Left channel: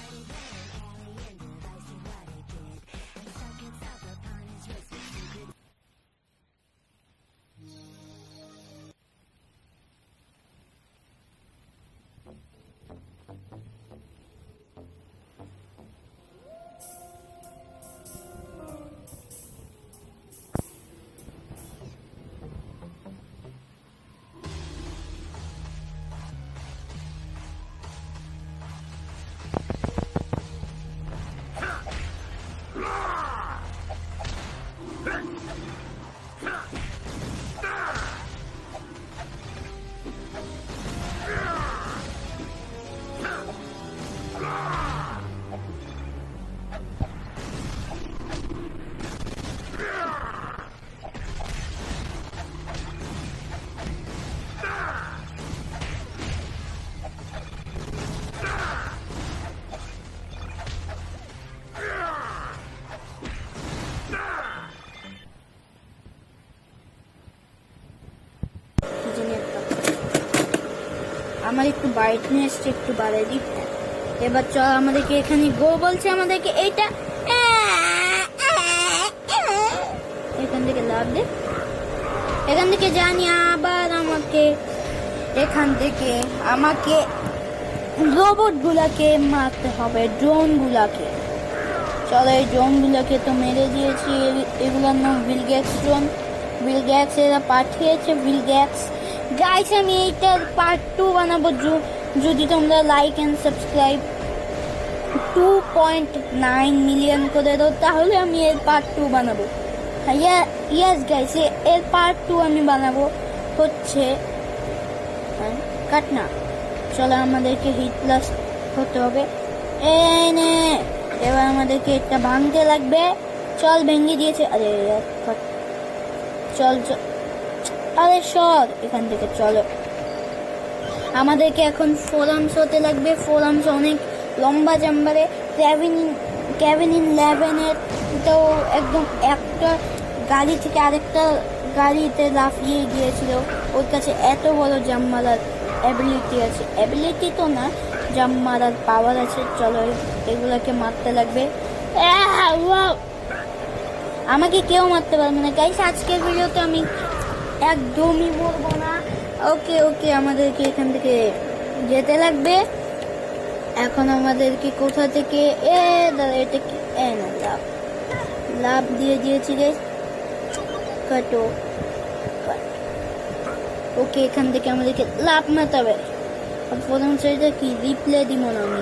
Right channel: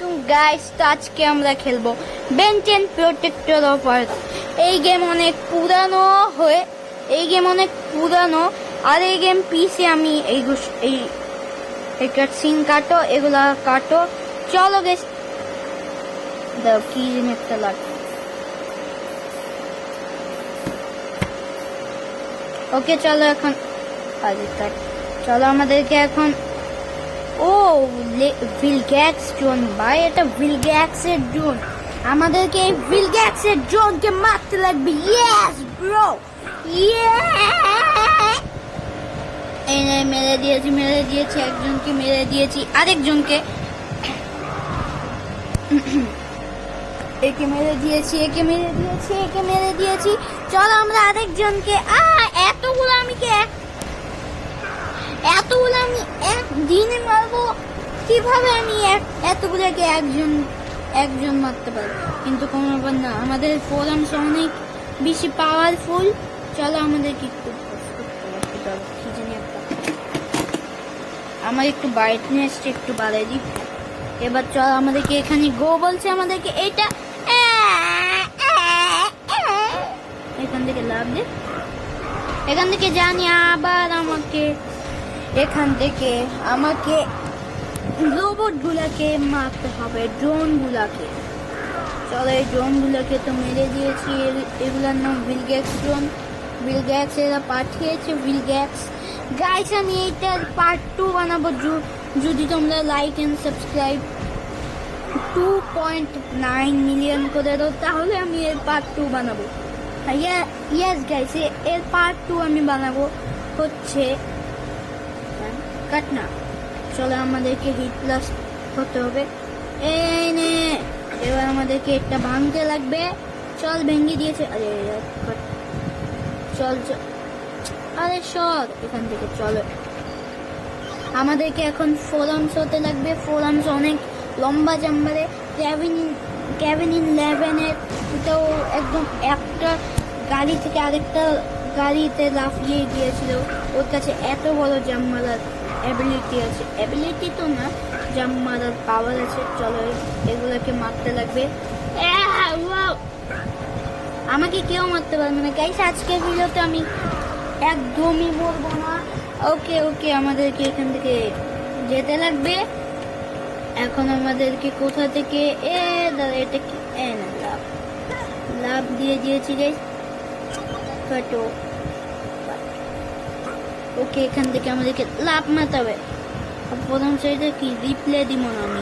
আলাইকুম গাইস, তো আজকে আমরা খেলবো বেন 10 প্রোটেক্টর অফ আর্থ। এই গেম অনেক পুরানো আর এই গেম পিসে আমি এই কাটসিন কাটো, এগুলা কাটো। চলো গেস, দাও কি জিনিসটা লাগবে। ওকে চলো এখন চলো আমাদেরকে এখন ভিলগ্যাক্স জোন ভাই, এটা ভিলগ্যাক্সের জোন। আমাদেরকে এই ভিলগ্যাক্সের জোনকে মারতে লাগবে। ইয়েস ব্রো, এই মেরে দিয়েছি একজনকে, মেরে দিয়েছি আরেকজনকে, একে মেরে দিয়েছি। চলো আমরা আরেকজনকে এতগুলো আমি একদিনে মারবো কিভাবে? আমি এতগুলোকে একজন মারতে পারি, কিন্তু কোনো ব্যাপার না, আমাদের প্রোগ্রামটা অনেক বেশি পাওয়ারফুল। চলো আমাদেরকে একটু আমার একটু ব্রাইটনেসটা একটু বাড়াই দিই। এবার চল আমাদেরকে এখানে গো বলছে, আমাদেরকে এইটা এখান থেকে লাভ দে, এখান থেকে জানি। আবার আমাকে রোবট গুলাকে মারতে হবে, ড্রোন গুলাকে। চলো এই ড্রোন গুলাকে তো মেরে দিয়েছি। এগুলার নাম ভিলগ্যাক্স ড্রোন। ভিলগ্যাক্স এরা পাঠিয়েছে। ভিলগ্যাক্স গাইস, আমি এইটার পার্ট 2 বানাবো যদি তোমরা লাইক এন্ড সাবস্ক্রাইব 2.9 মিলিয়ন করে দাও, তাহলে আমি এর পার্ট 2 বানাবো। ইয়েস গাইস, এর পার্ট 2 আমি বানাবো হচ্ছে কাটনা। চলো আমাদেরকে হিট প্লাস হতে হবে। এবার আমাদেরকে একটা ভাঙতে লাগবে। চল ভেঙে দিয়েছে। চল আরে সর এখান থেকে। চলো আমাদেরকে এখন 4 আর্মস হতে লাগবে। 4 আর্মস অনেক লম্বা জাম্বারে। কেভিন 11 তো একদম একটা গাড়ি থেকে আরেকটা গাড়িতে লাফিয়ে গিয়েছিল। ওর কাছে এত বড় জাম্প মারার অ্যাবিলিটি আছে, অ্যাবিলিটি তো না, জাম্প মারার পাওয়ার আছে। চলো এগুলাকে মারতে লাগবে। আমাকে কেউ মারতে পারবে না গাইস, আজকের ভিডিওতে আমি একদমই মরবো না। ওকে আমাদেরকে এখান থেকে যেতে লাগবে। এখন আমাদেরকে কোথা থেকে এটা কি লাভ দিয়ে দিয়েছি গাইস। কাটো। ওকে এখান থেকে আমাদেরকে লাভ মারতে হবে। প্রথম সাইডে কি রিপ্লে দিব না আমি।